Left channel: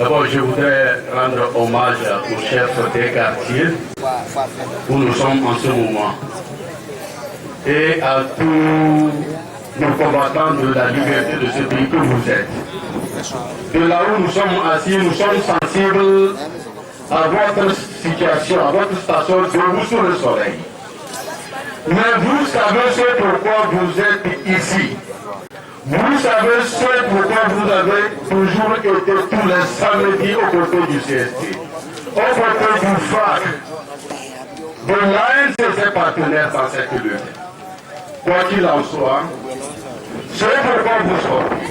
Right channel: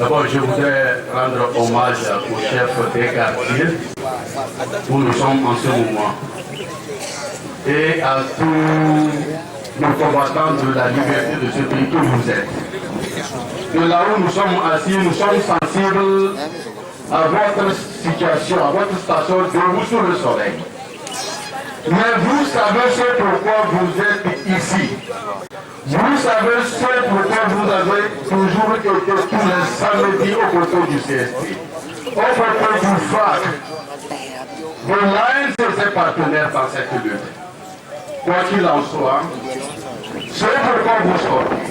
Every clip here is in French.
D'abord, je voudrais rendre hommage au chef des quartiers où nous sommes en ce moment et à tous nos combattants de la liberté de ce pays que vous êtes. De là où nous sommes assis, nous sommes sensibles à votre situation, à votre station debout sous le soleil. Mais vous savez ce pourquoi vous êtes ici. Vous savez ce pourquoi vous avez toujours été tous les samedis aux côtés du CST, aux côtés du FAC, de l'ANC et ses partenaires dans cette lutte. Quoi qu'il en soit, c'est pourquoi vous sortez.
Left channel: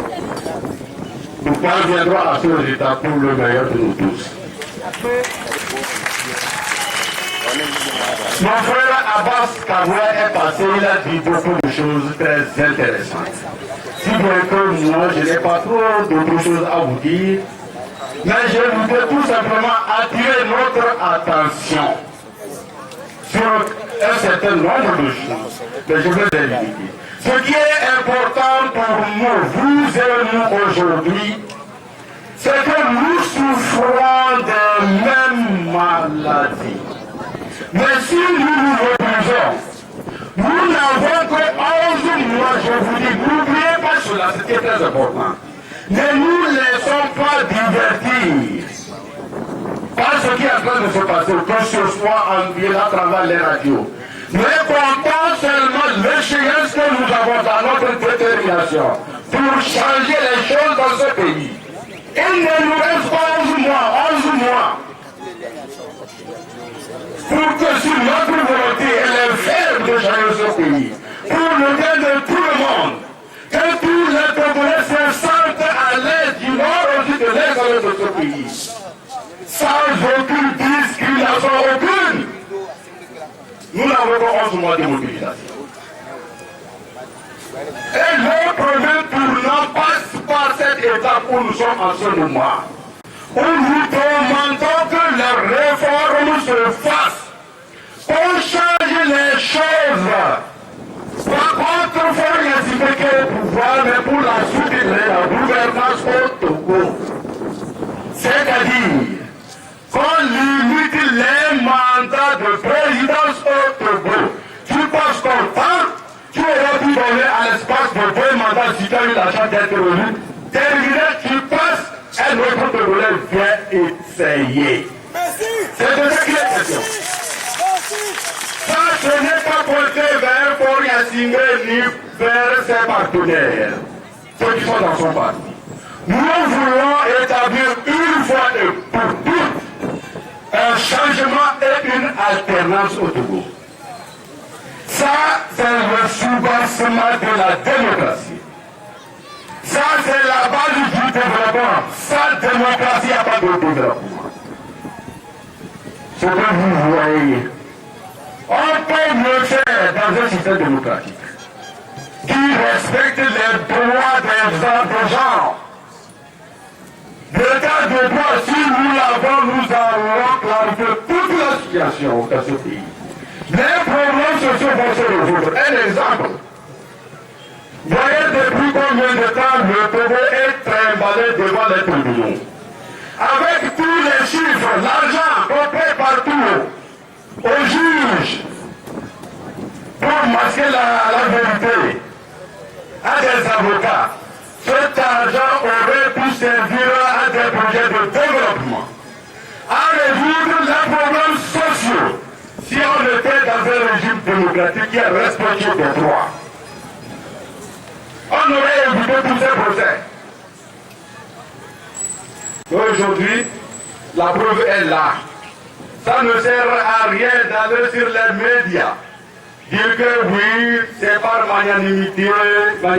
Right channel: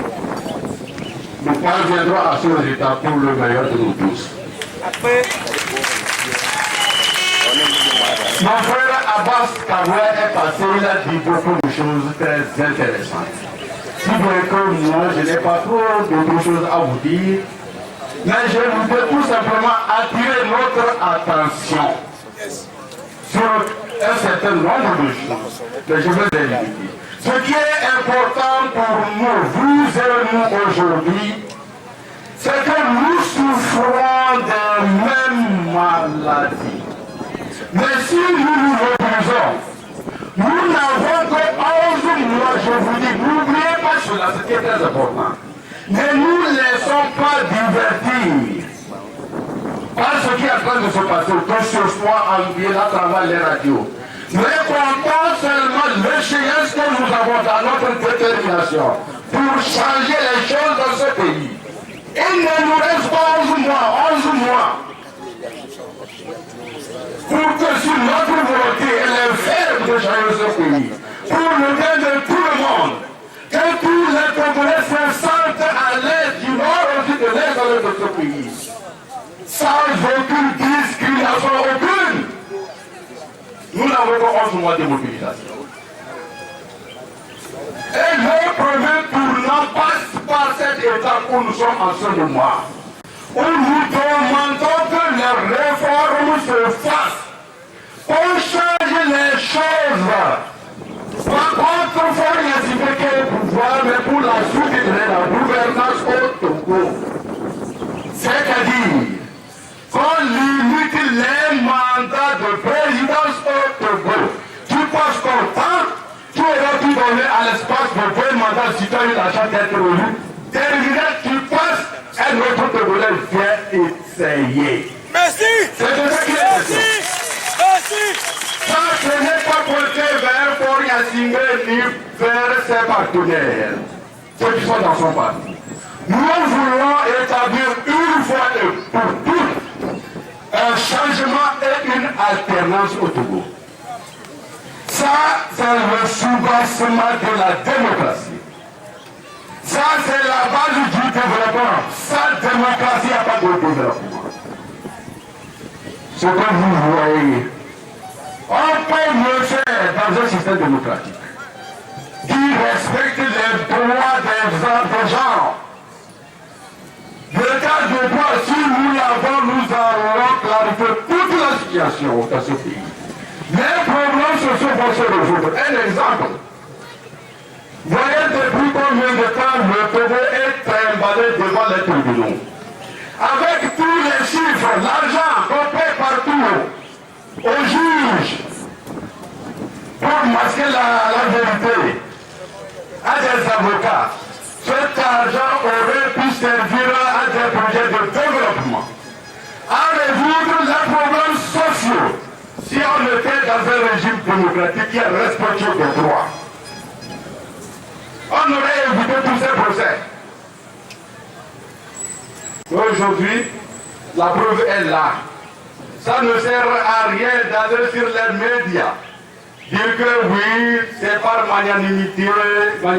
Nous parviendrons à ce résultat pour le meilleur de nous tous. Mon frère Abbas Kaboué est passé, il a dit beaucoup de choses très intéressantes. Si bien que moi, je n'ai pas trop d'autres choses à vous dire, mais je voudrais tout simplement attirer notre attention sur un certain nombre de choses. Mais je vais les limiter. Ce qui est important pour nous, vous et nous aujourd'hui, c'est que nous souffrons des mêmes maladies. Mais si nous nous mobilisons, nous n'avons que 11 mois, je vous dis, n'oubliez pas cela, c'est très important. Ne nous laissons pas divertir par ce qui est en train de se passer, que ce soit en ville, à travers les radios. Mais comptons seulement l'échéance que nous avons dans notre détermination pour changer les choses dans ce pays. Il ne nous reste pas 11 mois. Pour que sur notre volonté, elle est ferme de changer ce pays. Pour le bien de tout le monde. Que tous les Congolais se sentent à l'aise du nord aussi de l'est de ce pays. Sans aucune discrimination, aucune. Nous n'avons pas 11 mois de mobilisation. Et le premier tournant passe par cette étape où nous sommes en ce moment. Où nous demandons que les réformes se fassent. On change les choses. Par contre, il faut les impliquer au pouvoir, mais pour la suite de la gouvernance au Togo. C'est-à-dire qu'on limite les mandats de présidence au Togo. Tu passes ton temps, tu aurais pu donner à l'espace de 2 mandats si tu as eu la chance d'être élu. Terminé, tu passes, un autre Togolais vient essayer. Merci. C'est de ça qu'il est question. Ça, ce n'est pas porté vers Paul Yassine ni vers ses partenaires, ceux qui sont dans son parti. Nous voulons établir une fois et pour toutes un changement et une alternance au Togo. Ça, c'est le soubassement de la démocratie. Ça, c'est la base du développement. Sans démocratie, il n'y a pas de développement. Ce que vous voyez, on peut mieux faire dans un système démocratique qui respecte les droits des gens. L'état de droit, si nous l'avons, nous allons clarifier toute la situation dans ce pays. Les problèmes sociaux vont se résoudre. Un exemple. Voyez depuis combien de temps le Togo est trimballé devant les tribunaux. Avec tous les chiffres, l'argent qu'on paie partout aux juges pour masquer la vérité, à des avocats. Cet argent aurait pu servir à des projets de développement, à résoudre les problèmes sociaux, si on était dans un régime démocratique qui respecte les droits. On aurait évité tous ces procès. Aujourd'hui, la preuve est là. Ça ne sert à rien d'aller sur les médias, dire que oui, c'est par magnanimité, on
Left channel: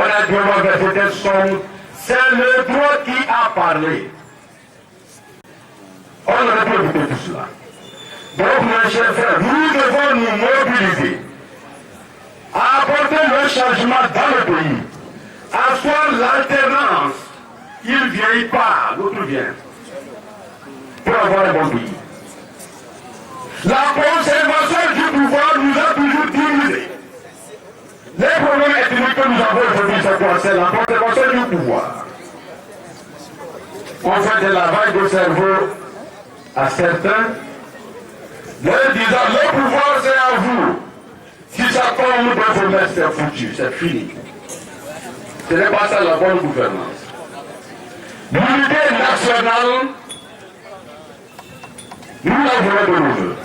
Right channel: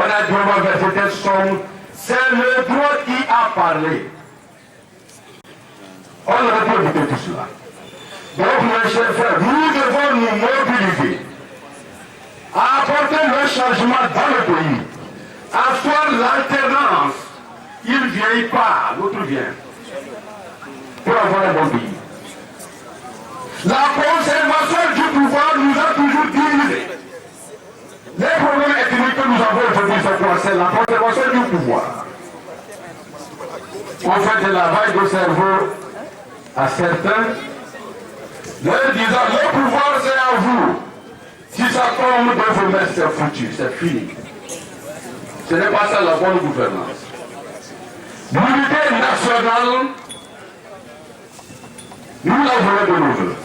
a dû verser telle somme. C'est le droit qui a parlé. On aurait pu éviter tout cela. Donc, mes chers frères, nous devons nous mobiliser à apporter le changement dans le pays, asseoir l'alternance. Il ne vieillit pas, l'autre vient, pour avoir un bon pays. La conservation du pouvoir nous a toujours divisés. Les problèmes ethniques que nous avons aujourd'hui, c'est quoi? C'est la conservation du pouvoir. on fait de lavage de cerveau à certains, leur disant le pouvoir c'est à vous. Si ça tombe dans vos mains, c'est foutu, c'est fini. Ce n'est pas ça la bonne gouvernance. L'unité nationale, nous la voulons de nos voeux.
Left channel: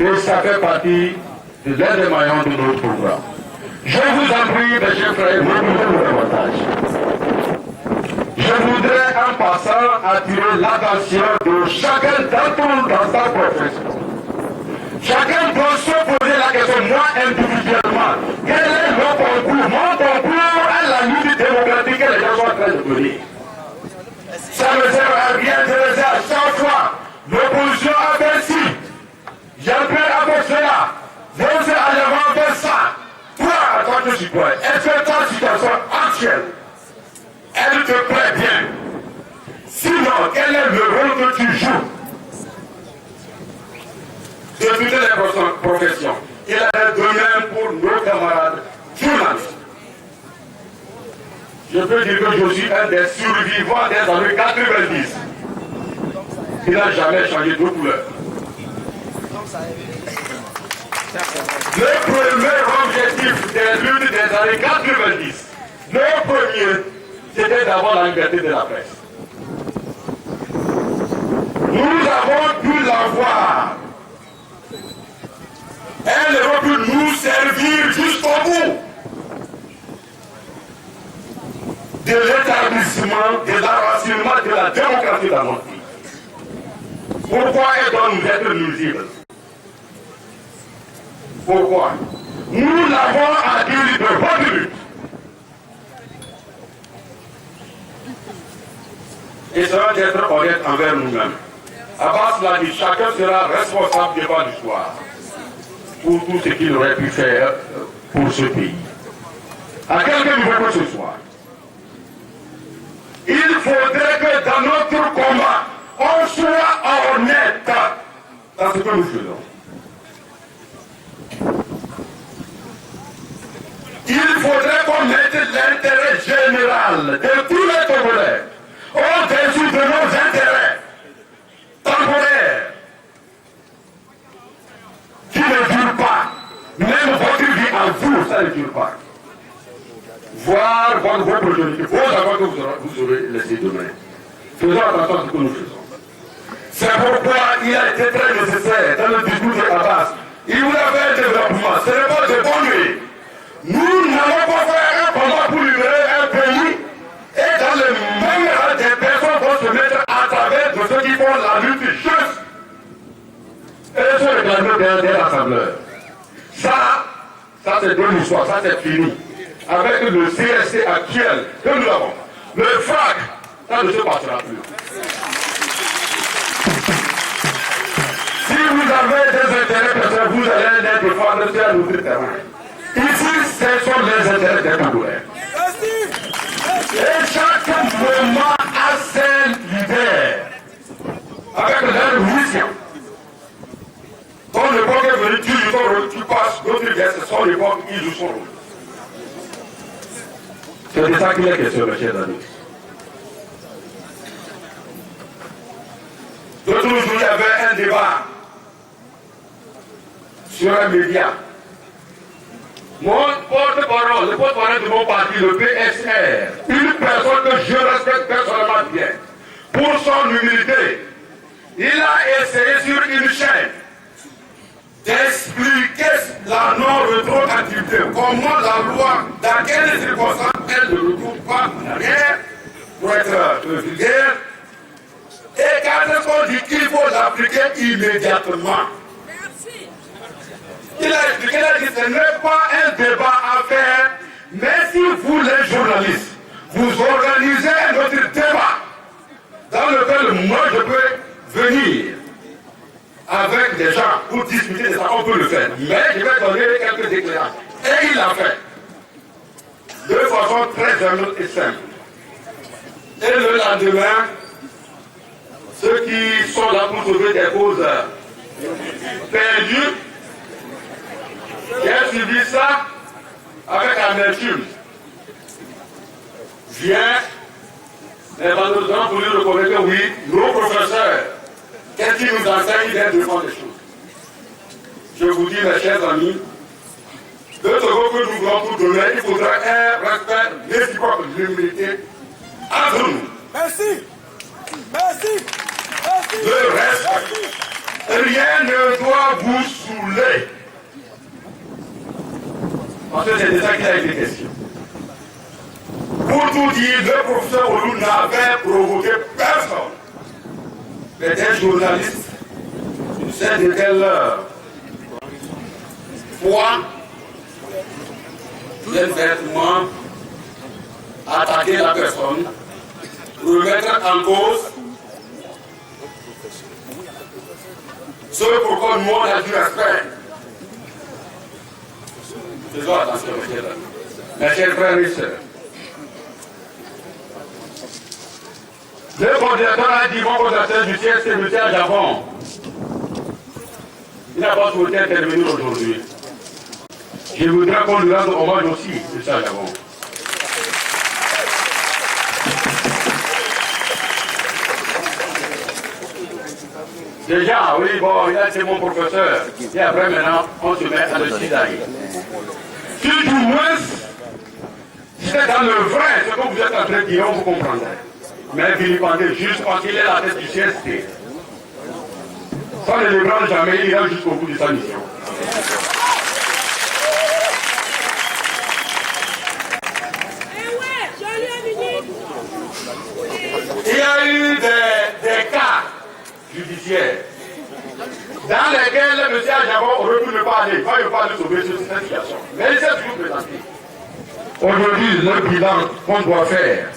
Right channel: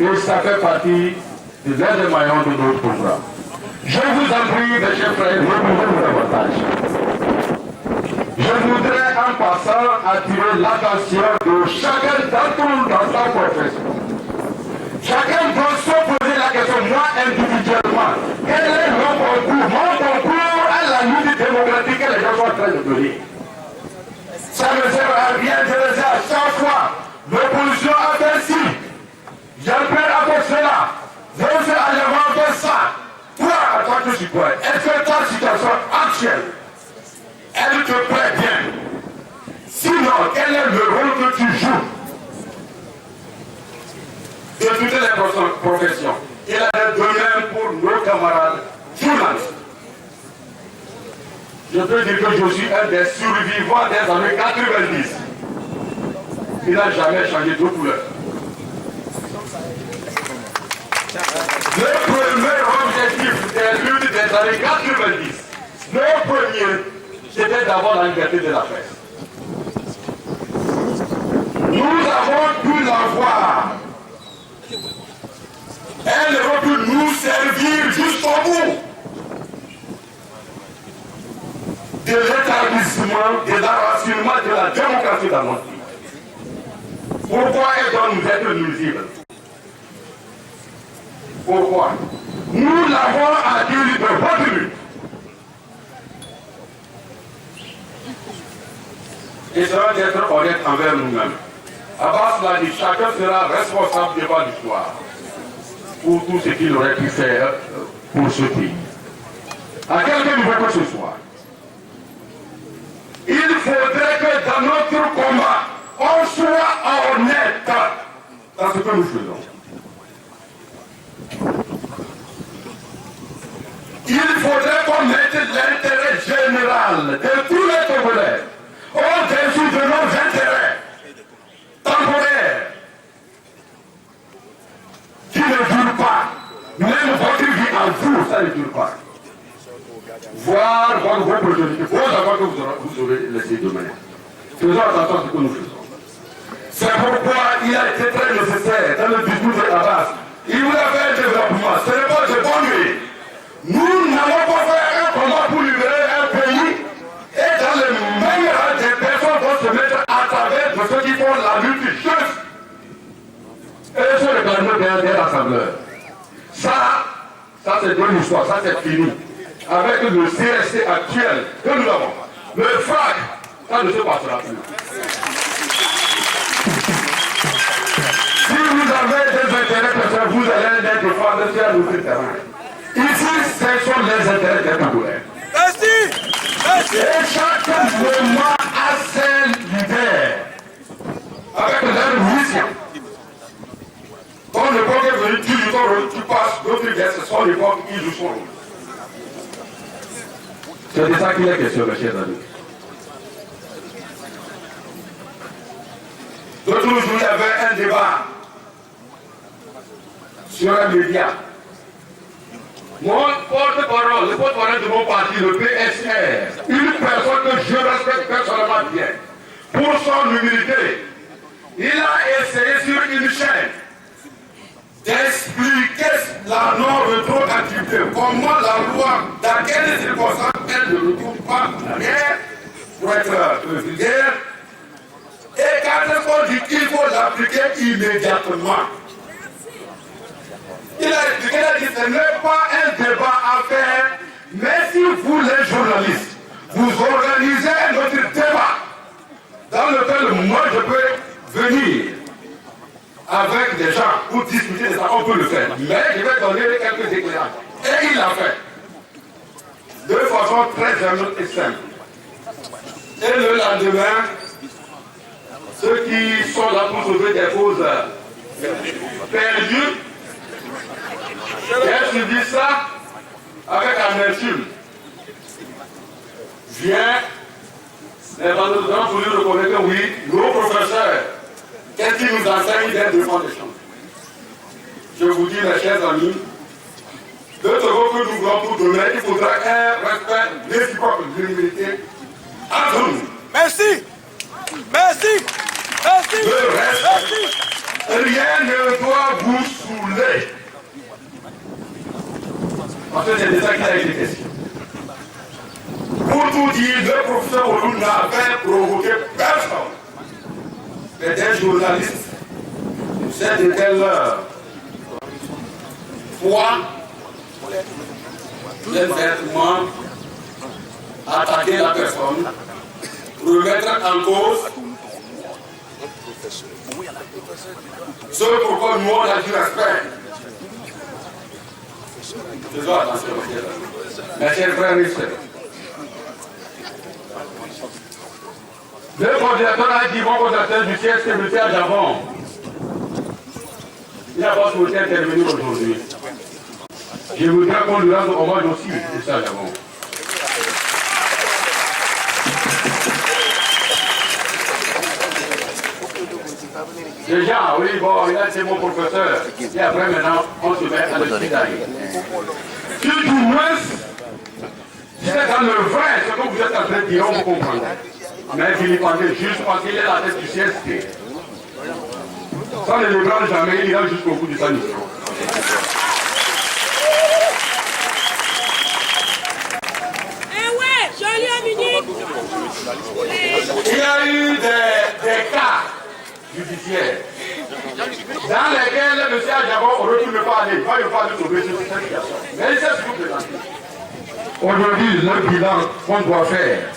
Et ça fait partie de l'un des maillons de notre programme. Je vous en prie, mes chers frères, reposez-nous davantage. Je voudrais en passant attirer l'attention de chacun d'entre nous dans sa profession. Chacun doit se poser la question, moi individuellement, quel est mon concours? Mon concours à la lutte démocratique que les gens sont en train de donner. Ça ne sert à rien de le dire à chaque fois. L'opposition a fait ci. Jean-Pierre a fait cela. Vous allez faire ça. Toi, en tant que citoyen, est-ce que ta situation actuelle, elle te plaît bien? Sinon, quel est le rôle que tu joues de toutes les professions? Il en est de même pour nos camarades journalistes. Je peux dire que je suis un des survivants des années 90. Il n'a jamais changé de couleur. Le premier objectif des luttes des années 90, le premier, c'était d'avoir la liberté de la presse. Nous avons pu l'avoir. Elle va pu nous servir jusqu'au bout de l'établissement, de l'enracinement de la démocratie dans notre pays. Pourquoi elle doit nous être nuisible? Pourquoi? Nous l'avons acquis de votre lutte. Et ça va être honnête envers nous-mêmes. Abbas l'a dit, chacun sera responsable devant l'histoire pour tout ce qu'il aurait pu faire pour ce pays. À quelque niveau que ce soit, il faudrait que dans notre combat, on soit honnête dans ce que nous faisons. Il faudrait qu'on mette l'intérêt général de tous les Congolais au-dessus de nos intérêts temporaires qui ne durent pas. Même votre vie en vous, ça ne dure pas. Voir vos progénitures, vos enfants que vous aurez laissés demain. Faisons attention à ce que nous faisons. C'est pourquoi il a été très nécessaire dans le discours de Abbas. Il vous a fait un développement, ce n'est pas de bonne nuit. Nous n'allons pas faire un combat pour libérer un pays et dans le même rang des personnes vont se mettre à travers de ceux qui font la lutte juste. Et sur le plan des rassembleurs. Ça c'est de l'histoire, ça c'est fini. Avec le CSC actuel que nous avons. Le FRAC, ça ne se passera plus. Si vous avez des intérêts personnels, vous allez les défendre sur un autre terrain. Ici, ce sont les intérêts des Congolais. Et chaque moment a ses leaders, avec leur mission. Quand l'époque est venue, tu joues ton rôle, tu passes, d'autres gars, c'est son époque, ils jouent son rôle. C'est de ça qu'il est question, mes chers amis. L'autre jour, il y avait un débat sur un média. Mon porte-parole, le porte-parole de mon parti, le PSR, une personne que je respecte personnellement bien, pour son humilité, il a essayé sur une chaîne d'expliquer la non-rétroactivité, comment la loi, dans quelles circonstances elle ne retourne pas en arrière, pour être vulgaire, et quand on dit qu'il faut l'appliquer immédiatement. Il a expliqué, il a dit, ce n'est pas un débat à faire, mais si vous les journalistes, vous organisez un autre débat, dans lequel moi je peux venir avec des gens pour discuter de ça, on peut le faire. Mais je vais donner quelques éclairages. Et il l'a fait. De façon très humble et simple. Et le lendemain, ceux qui sont là pour sauver des causes perdues, j'ai suivi ça avec amertume. Vient les vendeurs ont voulu reconnaître que oui, nos professeurs, qu'est-ce qu'ils nous enseignent d'être devant les choses. Je vous dis, mes chers amis, de travaux que nous voulons pour demain, il faudra un respect réciproque, l'humilité entre nous. Merci. Merci. Merci. Le respect. Rien ne doit vous saouler. Parce que c'est de ça qu'il a été question. Pour tout dire, le professeur Olou n'avait provoqué personne. Mais des journalistes, je ne sais de quelle foi, viennent bêtement attaquer la personne, remettre en cause ce pourquoi nous on a du respect. Faisons attention, mes chers frères et sœurs. Le coordinateur a dit, mon coordinateur du CST, M. Ajavon, il n'a pas souhaité intervenir aujourd'hui. Je voudrais qu'on lui rende hommage aussi, M. Ajavon. Déjà, oui, bon, il a été mon professeur. Et après, maintenant, on se met à le cisailler. Si du moins, si c'est dans le vrai, ce que vous êtes en train de dire, on vous comprend. Mais vilipender juste parce qu'il est la tête du CST. Sans ne le prendre jamais, il ira jusqu'au bout de sa mission. Il y a eu des cas judiciaires dans lesquels M. Ajavon aurait pu ne pas aller. Il va pas de sauver cette situation. Mais il s'est toujours présenté. Aujourd'hui, le bilan qu'on doit faire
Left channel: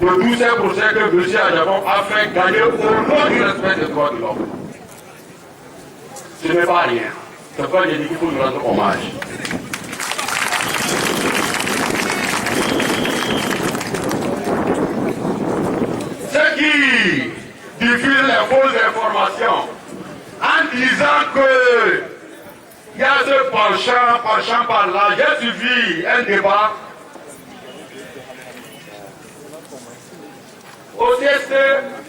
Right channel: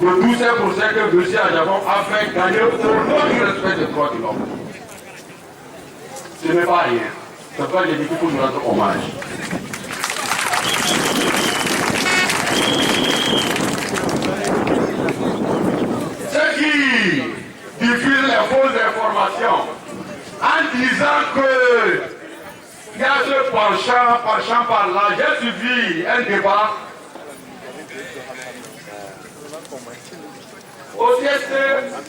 de tous ces procès que M. Ajavon a fait gagner au nom du respect des droits de l'homme. Ce n'est pas rien. C'est pourquoi j'ai dit qu'il faut nous rendre hommage. Ceux qui diffusent les fausses informations en disant que il y a ce penchant par là, j'ai suivi un débat au CST,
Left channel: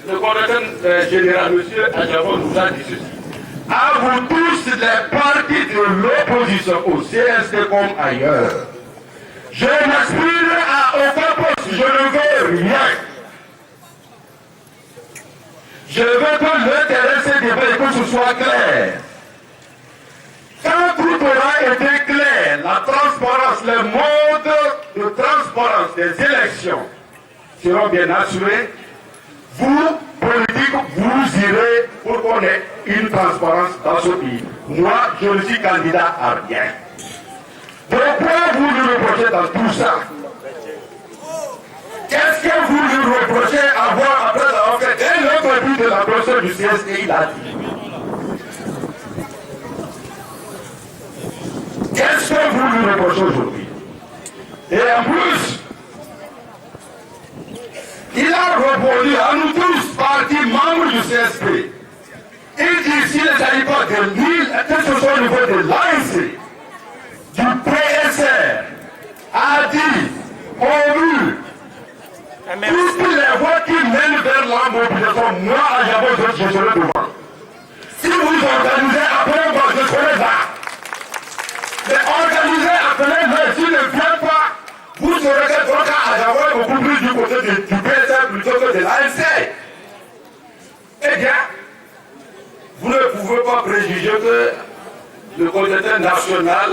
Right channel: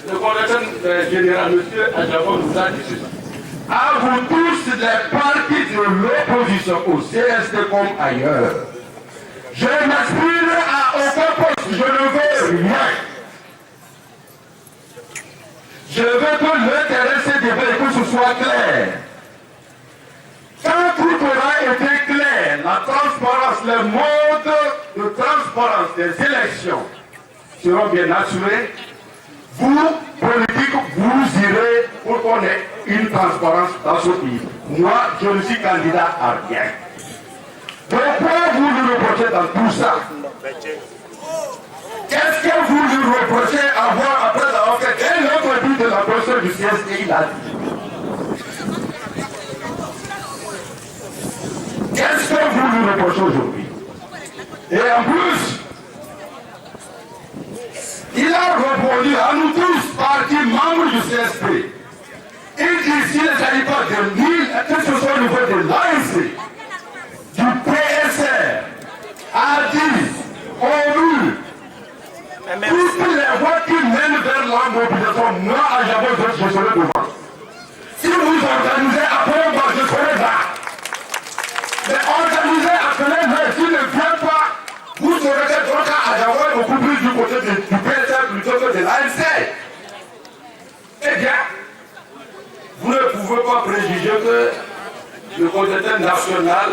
le coordinateur général, M. Ajavon, nous a dit ceci. À vous tous les partis de l'opposition au CST comme ailleurs, je n'aspire à aucun poste, je ne veux rien. Je veux que le terrain se débat et que ce soit clair. Quand tout aura été clair, la transparence, les modes de transparence des élections seront bien assurés. Vous, politiques, vous irez pour qu'on ait une transparence dans ce pays. Moi, je ne suis candidat à rien. Pourquoi vous nous reprochez dans tout ça? Qu'est-ce que vous nous reprochez après avoir fait dès le début de la procédure du CST, il a dit? Qu'est-ce que vous nous reprochez aujourd'hui? Et en plus, il a répondu à nous tous, partis membres du CSP. Il dit s'il ne s'agit pas de l'île, que ce soit au niveau de l'ANC, du PSR, a dit, ONU, toutes les voies qui mènent vers la mobilisation, moi, à Javon, je serai devant. Si vous organisez après moi, je serai là. Mais organisez après moi, s'il ne vient pas, vous serez votre cas à Javon beaucoup plus du côté du PSR plutôt que de l'ANC. Eh bien, vous ne pouvez pas préjuger que le comité national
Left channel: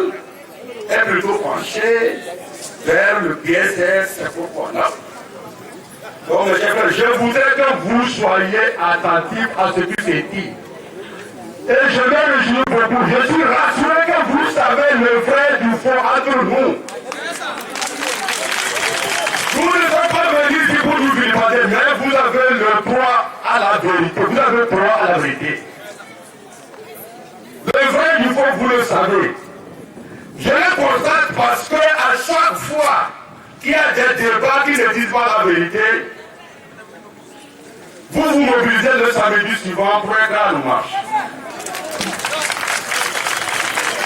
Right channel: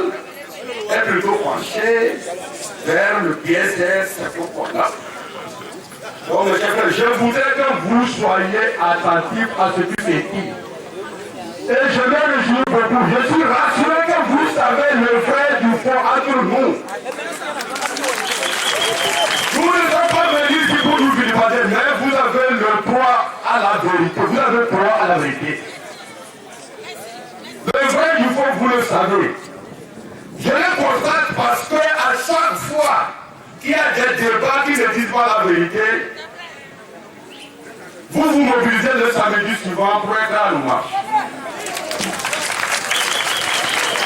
est plutôt penché vers le PSR, c'est pourquoi là. Bon, mes chers frères, je voudrais que vous soyez attentifs à ce qui s'est dit. Et je vais le jouer beaucoup. Je suis rassuré que vous savez le vrai du fond entre nous. Vous ne faites pas venir ici pour nous vilipender, mais vous avez le droit à la vérité. Vous avez le droit à la vérité. Le vrai du fond, vous le savez. Je le constate parce que à chaque fois qu'il y a des débats qui ne disent pas la vérité, vous vous mobilisez le samedi suivant pour être à nous marche.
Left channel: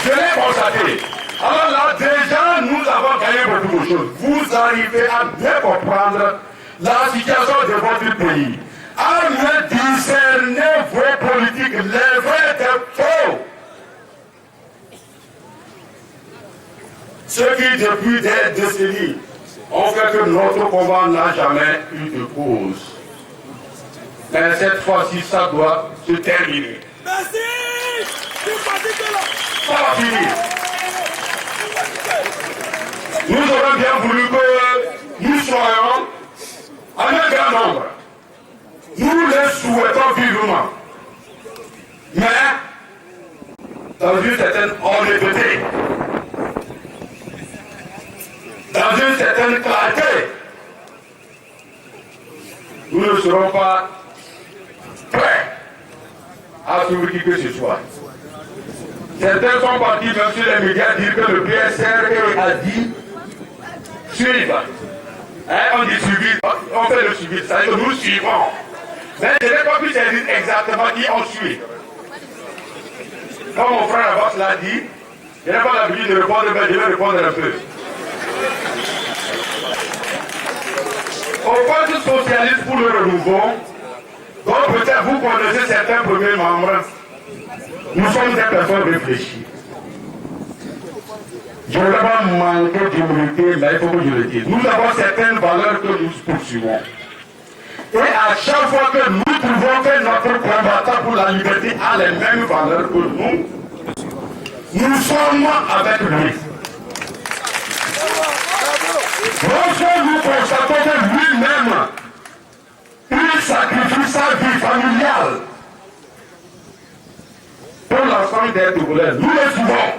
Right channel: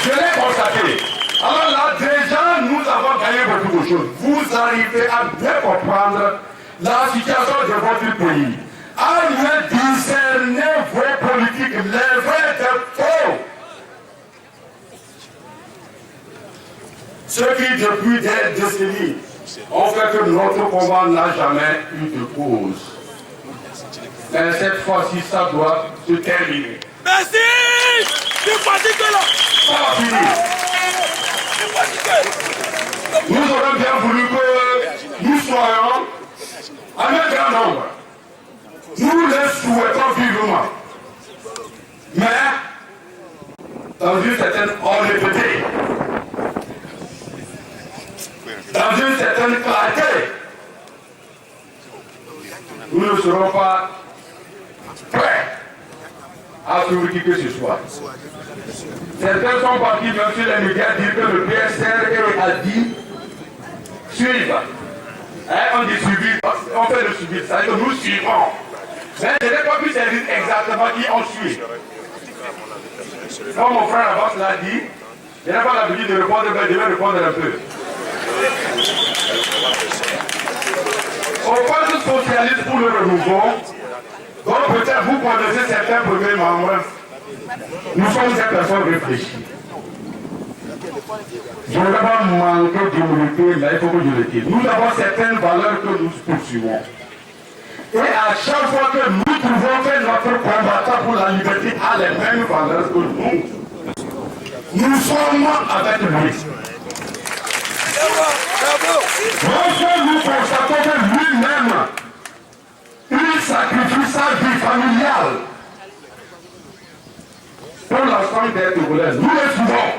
Je l'ai constaté. Alors là, déjà, nous avons gagné beaucoup de choses. Vous arrivez à bien comprendre la situation de votre pays, à mieux discerner vos politiques, les vrais des faux. Ceux qui, depuis des décennies, ont fait que notre combat n'a jamais eu de cause. Mais cette fois-ci, ça doit se terminer. Merci. C'est fatigué là. Ça va finir. Nous aurions bien voulu que nous soyons en un grand nombre. Nous les souhaitons vivement. Mais, dans une certaine honnêteté, dans une certaine clarté, nous ne serons pas prêts à suivre qui que ce soit. Certains sont partis même sur les médias dire que le PSR a dit suivre. On dit suivre, on fait le suivi, ça veut dire que nous suivons. Mais je n'ai pas pu saisir exactement qui on suit. Comme mon frère Abbas l'a dit, je n'ai pas l'habitude de répondre, mais je vais répondre un peu. Au Parti socialiste pour le renouveau, donc peut-être vous connaissez certains premiers membres, nous sommes des personnes réfléchies. Je ne vais pas manquer d'humilité, mais il faut que je le dise. Nous avons certaines valeurs que nous poursuivons. Et à chaque fois que nous trouvons que notre combattant pour la liberté a les mêmes valeurs que nous sommes avec lui. Lorsque nous constatons que lui-même, il sacrifie sa vie familiale pour l'ensemble des Togolais, nous le suivons.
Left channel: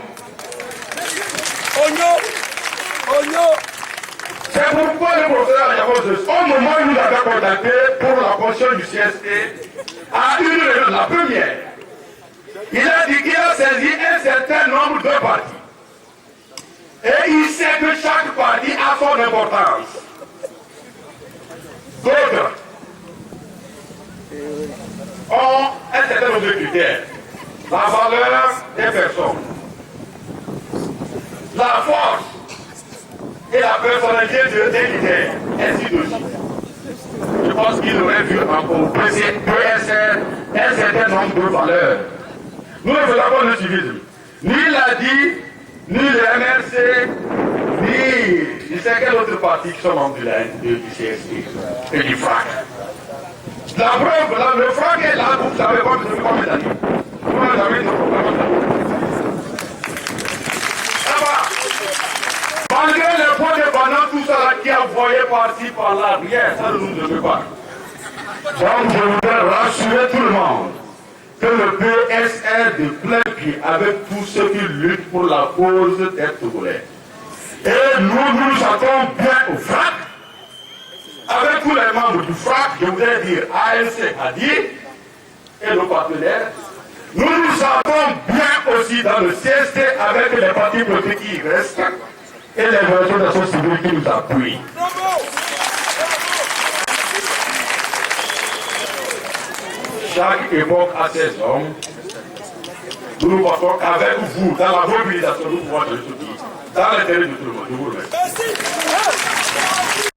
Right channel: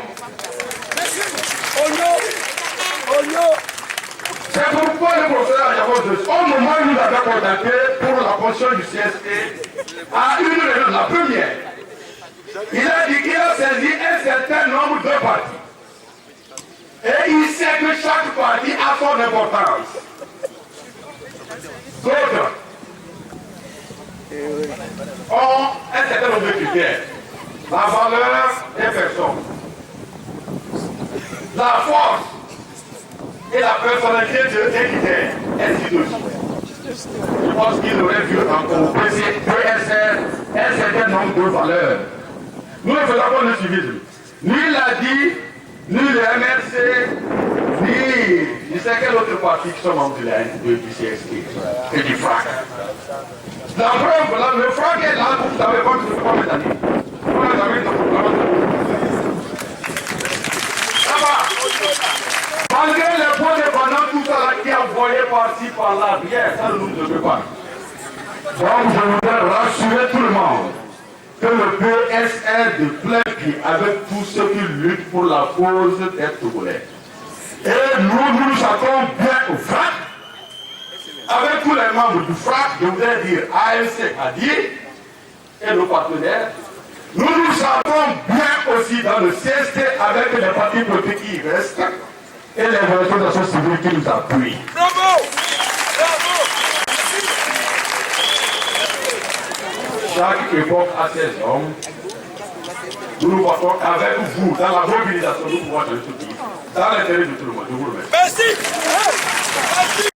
C'est pourquoi le professeur Ayavos, au moment où nous l'avons contacté pour la position du CST, à une réunion, la première, il a dit qu'il a saisi un certain nombre de partis. Et il sait que chaque parti a son importance. D'autres ont un certain nombre de critères. La valeur des personnes, la force et la personnalité des leaders, ainsi de suite. Je pense qu'il aurait vu encore au PSR un certain nombre de valeurs. Nous ne faisons pas le civisme. Ni l'ADI, ni le MRC, ni sais quel autre parti qui sont membres du CST et du FRAC. La preuve, le FRAC est là, vous savez pas que je ne peux pas mettre d'amis. Vous n'avez jamais de problème. Ça va. Malgré les points de banane, tout ça là qui est envoyé par-ci, par-là, rien, ça ne nous veut pas. Donc je voudrais rassurer tout le monde que le PSR de plein pied avec tous ceux qui luttent pour la cause des Togolais. Et nous attendons bien au FRAC, avec tous les membres du FRAC, je voudrais dire ANC, ADI et nos partenaires. Nous attendons bien aussi dans le CST avec les partis politiques qui restent et les organisations civiles qui nous appuient. Bravo! Chaque époque a ses hommes. Nous partons avec vous dans la mobilisation, nous pouvons le soutenir dans l'intérêt de tout le monde. Je vous remercie. Merci!